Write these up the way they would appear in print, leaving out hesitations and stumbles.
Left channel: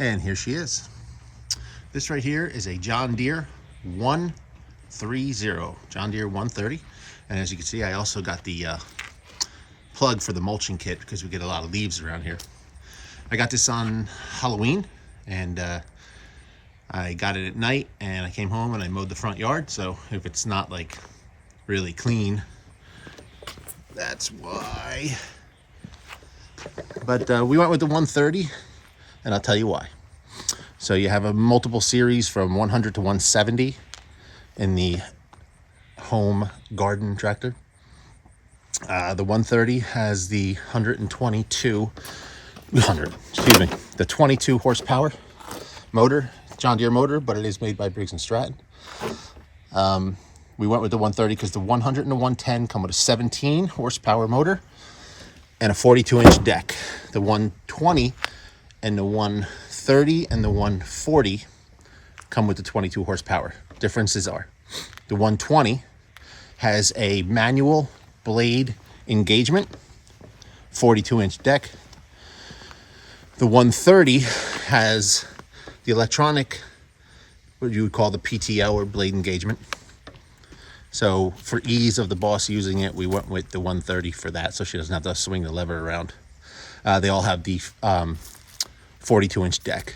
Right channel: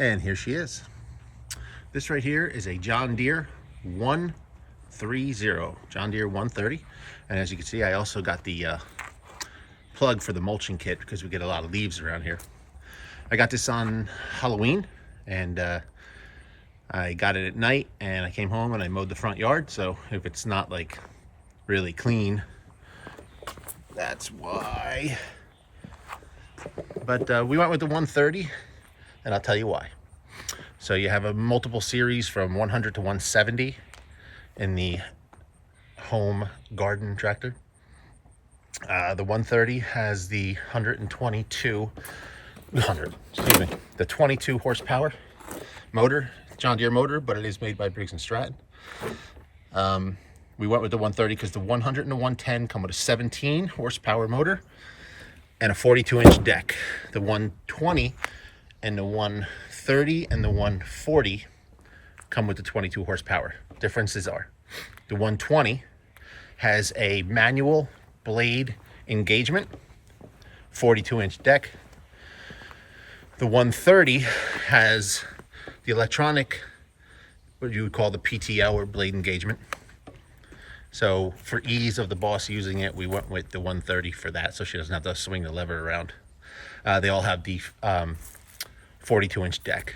And here she is. This right here is a John Deere 130, John Deere 130. And as you can see, I also got the plug for the mulching kit because we get a lot of leaves around here. I got this on Halloween, and I got it at night, and I came home and I mowed the front yard. So if it's not like really clean, that's why. But we went with the 130, and I'll tell you why. So you have a multiple series from 100 to 170 in the home garden tractor. The 130 has the 22 horsepower motor, John Deere motor, but it is made by Briggs & Stratton. We went with the 130 because the 100 and the 110 come with a 17 horsepower motor and a 42-inch deck. The 120 and the 130 and the 140 come with the 22 horsepower. Differences are the 120 has a manual blade engagement, 42-inch deck. The 130 has the electronic, what you would call the PTO or blade engagement. So for ease of the boss using it, we went with the 130 for that, so she doesn't have to swing the lever around. They all have the 42-inch deck.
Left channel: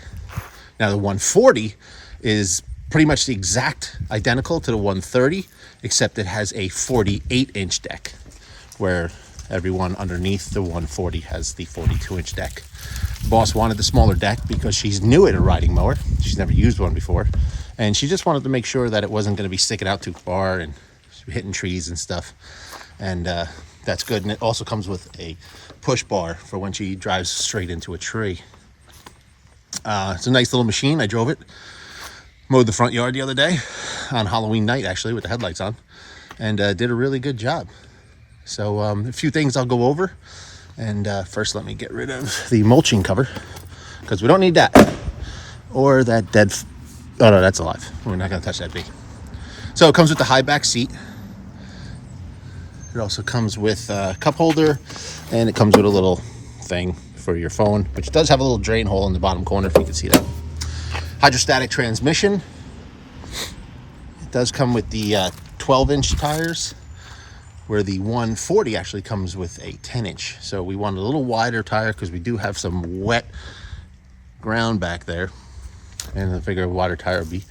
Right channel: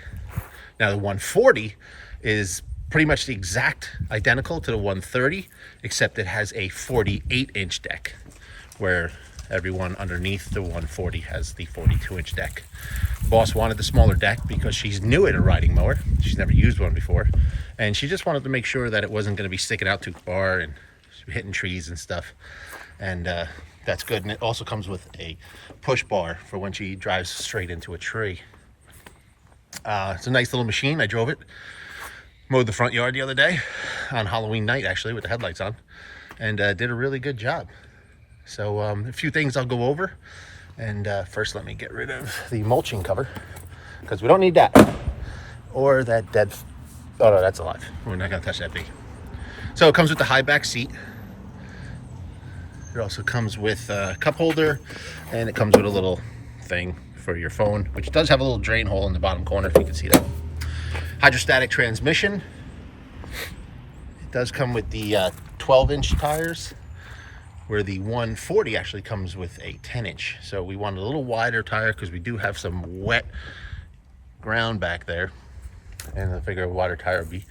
Now the 140 is pretty much the exact identical to the 130, except it has a 48-inch deck, where everyone underneath the 140 has the 42-inch deck. Boss wanted the smaller deck because she's new at a riding mower. She's never used one before, and she just wanted to make sure that it wasn't going to be sticking out too far and hitting trees and stuff. And that's good. And it also comes with a push bar for when she drives straight into a tree. It's a nice little machine. I drove it, mowed the front yard the other day on Halloween night, actually, with the headlights on, and did a really good job. So a few things I'll go over. And first, let me get rid of the mulching cover, because we don't need that. Or that dead, oh no, that's alive. We're not gonna touch that bee. So it comes with the high back seat. It also comes with a cup holder, and it comes with a little thing for your phone, which does have a little drain hole in the bottom corner, if you can see that. Hydrostatic transmission. It does come with the 12-inch tires, where the 140 actually comes with a 10-inch. So we want a little wider tire because we do have some wet ground back there, and I figure a wider tire would be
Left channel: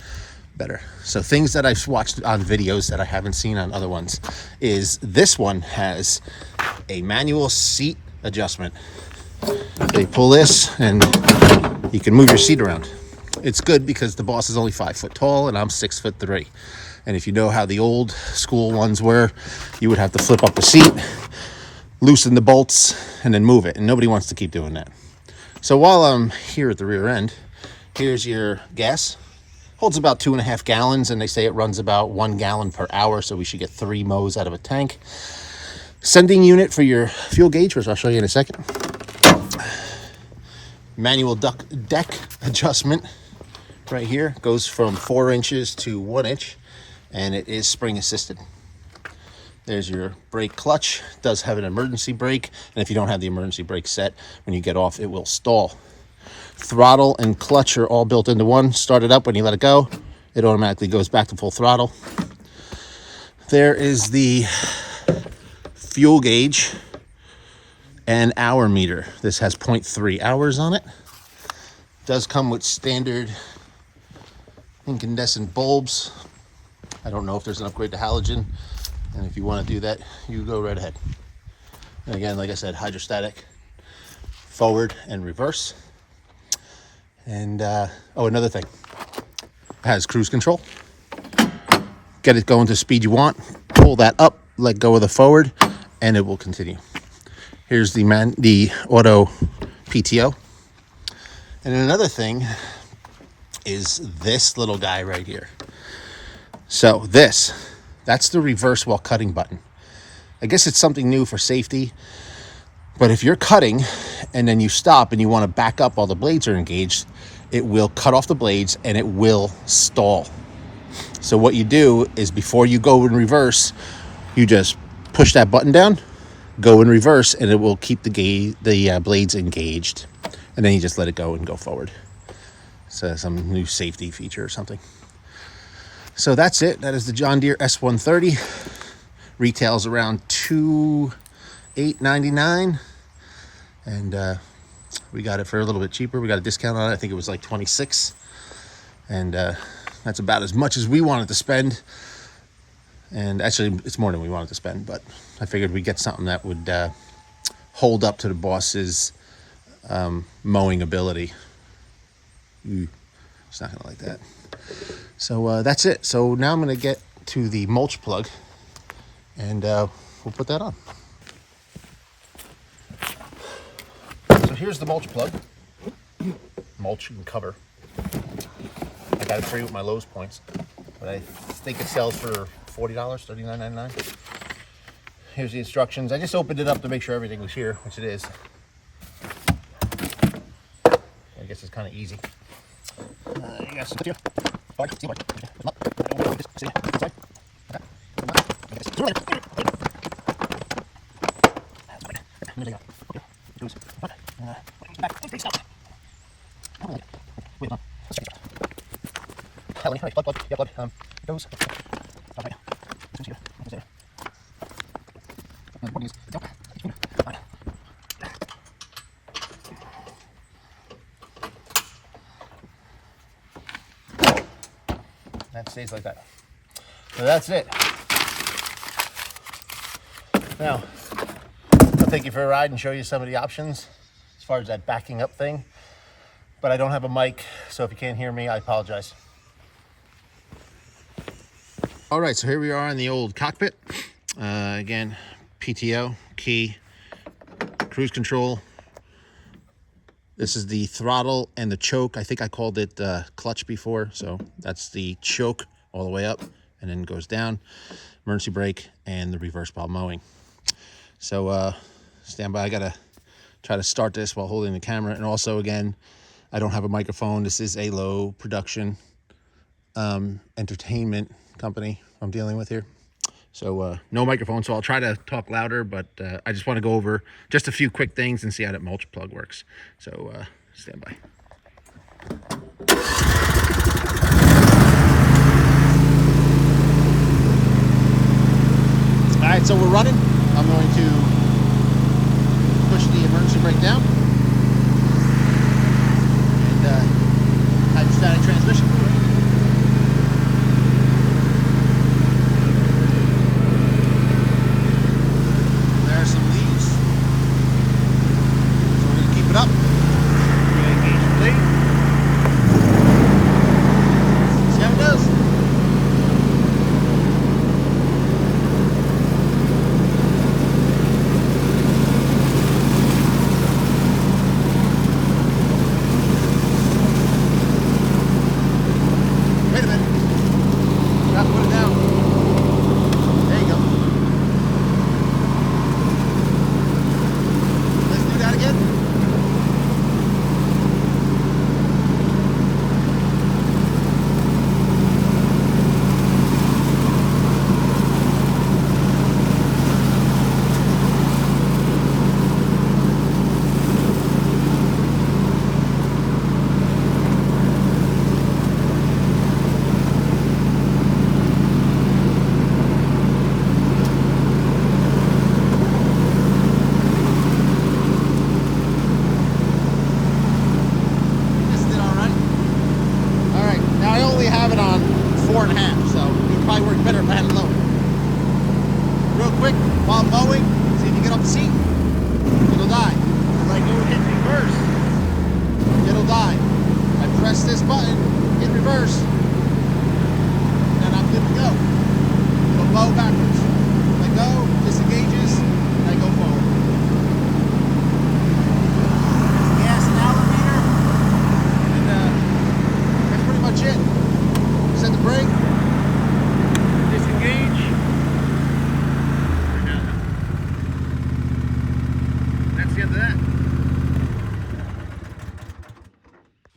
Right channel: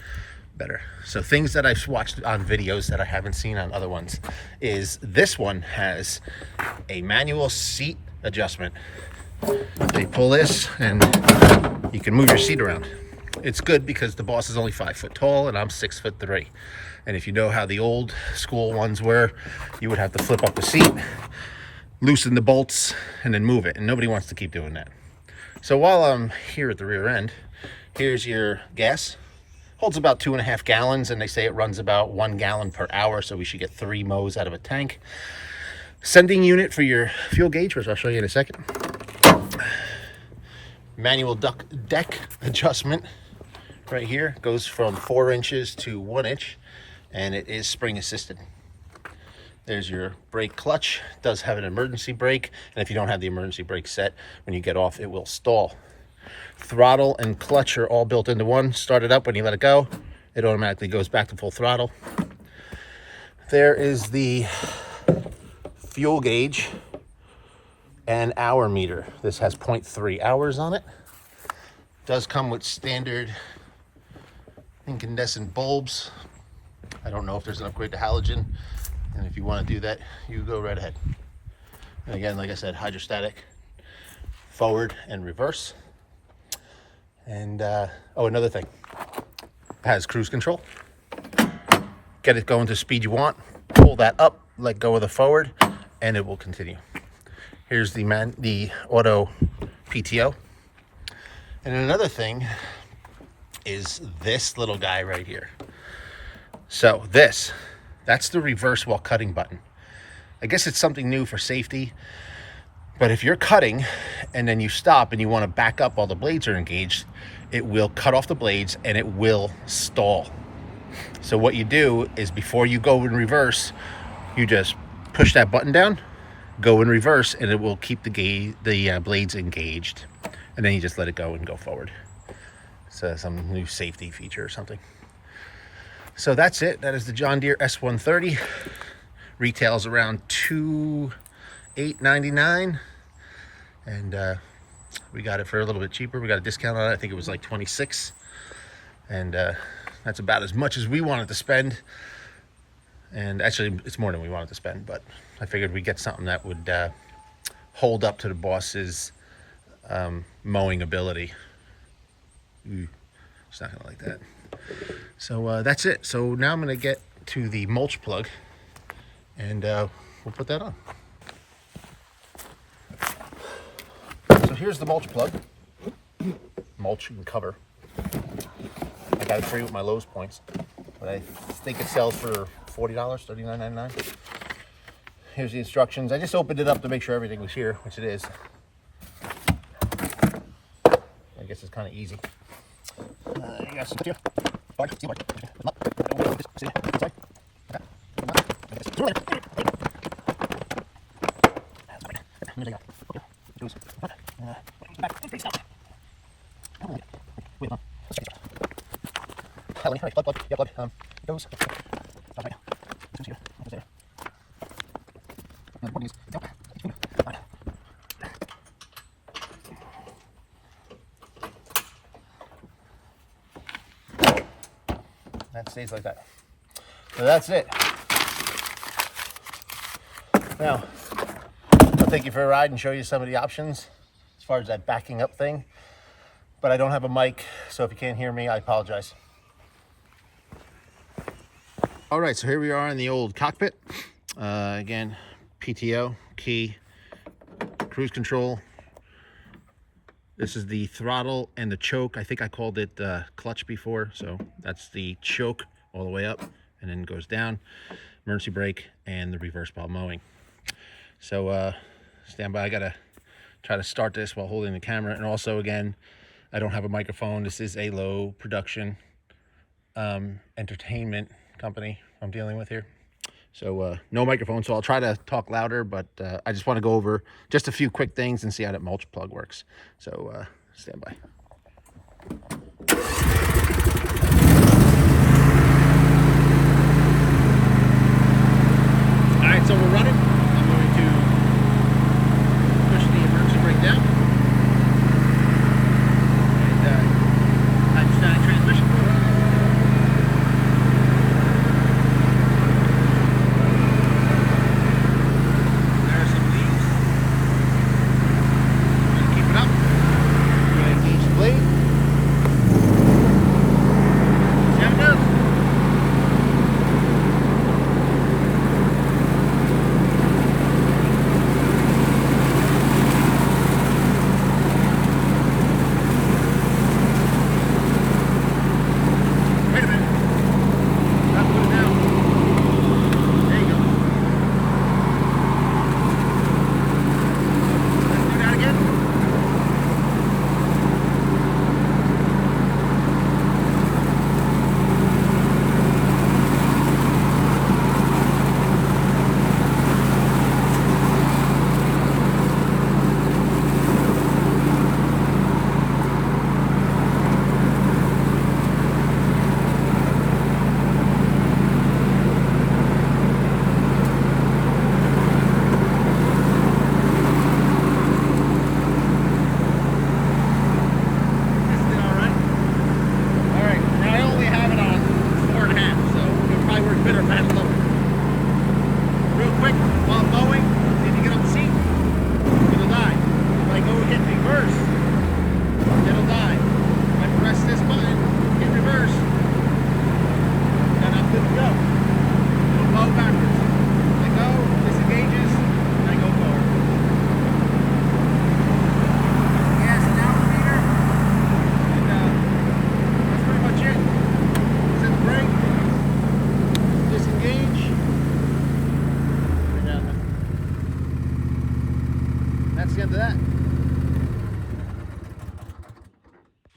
better. So things that I've watched on videos that I haven't seen on other ones is this one has a manual seat adjustment. They pull this and you can move your seat around. It's good because the boss is only 5 foot tall and I'm 6'3". And if you know how the old school ones were, you would have to flip up the seat, loosen the bolts, and then move it. And nobody wants to keep doing that. So while I'm here at the rear end, here's your gas. Holds about 2.5 gallons, and they say it runs about 1 gallon per hour, so we should get 3 mows out of a tank. Sending unit for your fuel gauge, which I'll show you in a second. Manual deck adjustment right here. Goes from 4 inches to 1 inch, and it is spring assisted. There's your brake clutch. It does have an emergency brake, and if you don't have the emergency brake set, when you get off, it will stall. Throttle and clutch are all built into one. Start it up, when you let it go, it automatically goes back to full throttle. There is the fuel gauge and hour meter. This has 0.3 hours on it. Does come with standard incandescent bulbs. I don't know if there's an upgrade to halogen, and if you want to do that, you go right ahead. And again, like I said, hydrostatic, forward and reverse. And oh, another thing, it has cruise control. Get it going to the speed you want, pull that up, let go of the forward, and it will continue. Here's the auto PTO. And another thing is this little guy right here. So that's the reverse while cutting button. I guess it's something new for safety, but if you're cutting and then you stop and you want to back up while the blades are engaged, it will cut off the blades and it will stall. So what you do is, before you go in reverse, you just push that button down, go in reverse, and it will keep the blades engaged. And then you just let it go and go forward. So some new safety feature or something. So that's it. That is the John Deere S130. Retails around $2,899, and we got it for a little bit cheaper. We got a discount on it. I think it was like 26, and that's about as much as we wanted to spend. And actually, it's more than we wanted to spend, but I figured we'd get something that would hold up to the boss's mowing ability. It's not gonna like that. So that's it. So now I'm gonna get to the mulch plug, and we'll put that on. So here's the mulch plug, mulch and cover. I got it free with my Lowe's points, but I think it sells for $40, $39.99. Here's the instructions. I just opened it up to make sure everything was here, which it is. I guess it's kind of easy. You got some here. That stays like that. So that's it. Now, I'll take you for a ride and show you some of the options as far as that backing up thing. But I don't have a mic, so if you can't hear me, I apologize. All right, so here we are in the old cockpit. Again, PTO, key, cruise control. This is the throttle and the choke. I think I called it clutch before, so that's the choke all the way up and then goes down. Emergency brake and the reverse while mowing. So stand by. I gotta try to start this while holding the camera. And also, again, I don't have a microphone. This is a low production entertainment company I'm dealing with here. So no microphone, so I'll try to talk louder, but I just want to go over just a few quick things and see how that mulch plug works. So stand by. All right, so we're running. I'm going to push the emergency brake down and hydrostatic transmission.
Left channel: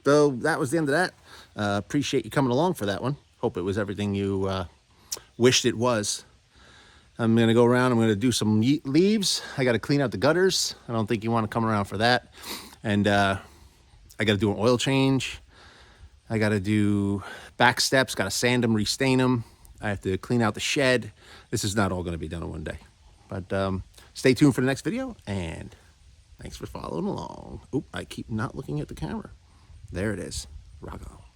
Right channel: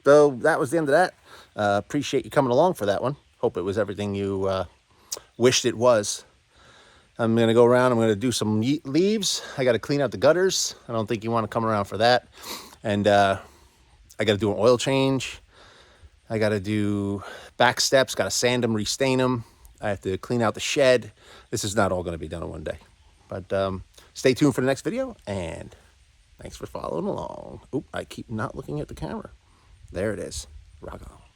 So that was the end of that. Appreciate you coming along for that one. Hope it was everything you wished it was. I'm going to go around. I'm going to do some leaves. I got to clean out the gutters. I don't think you want to come around for that. And I got to do an oil change. I got to do back steps, got to sand them, restain them. I have to clean out the shed. This is not all going to be done in one day. But stay tuned for the next video, and thanks for following along. Oop, I keep not looking at the camera. There it is. Rock on.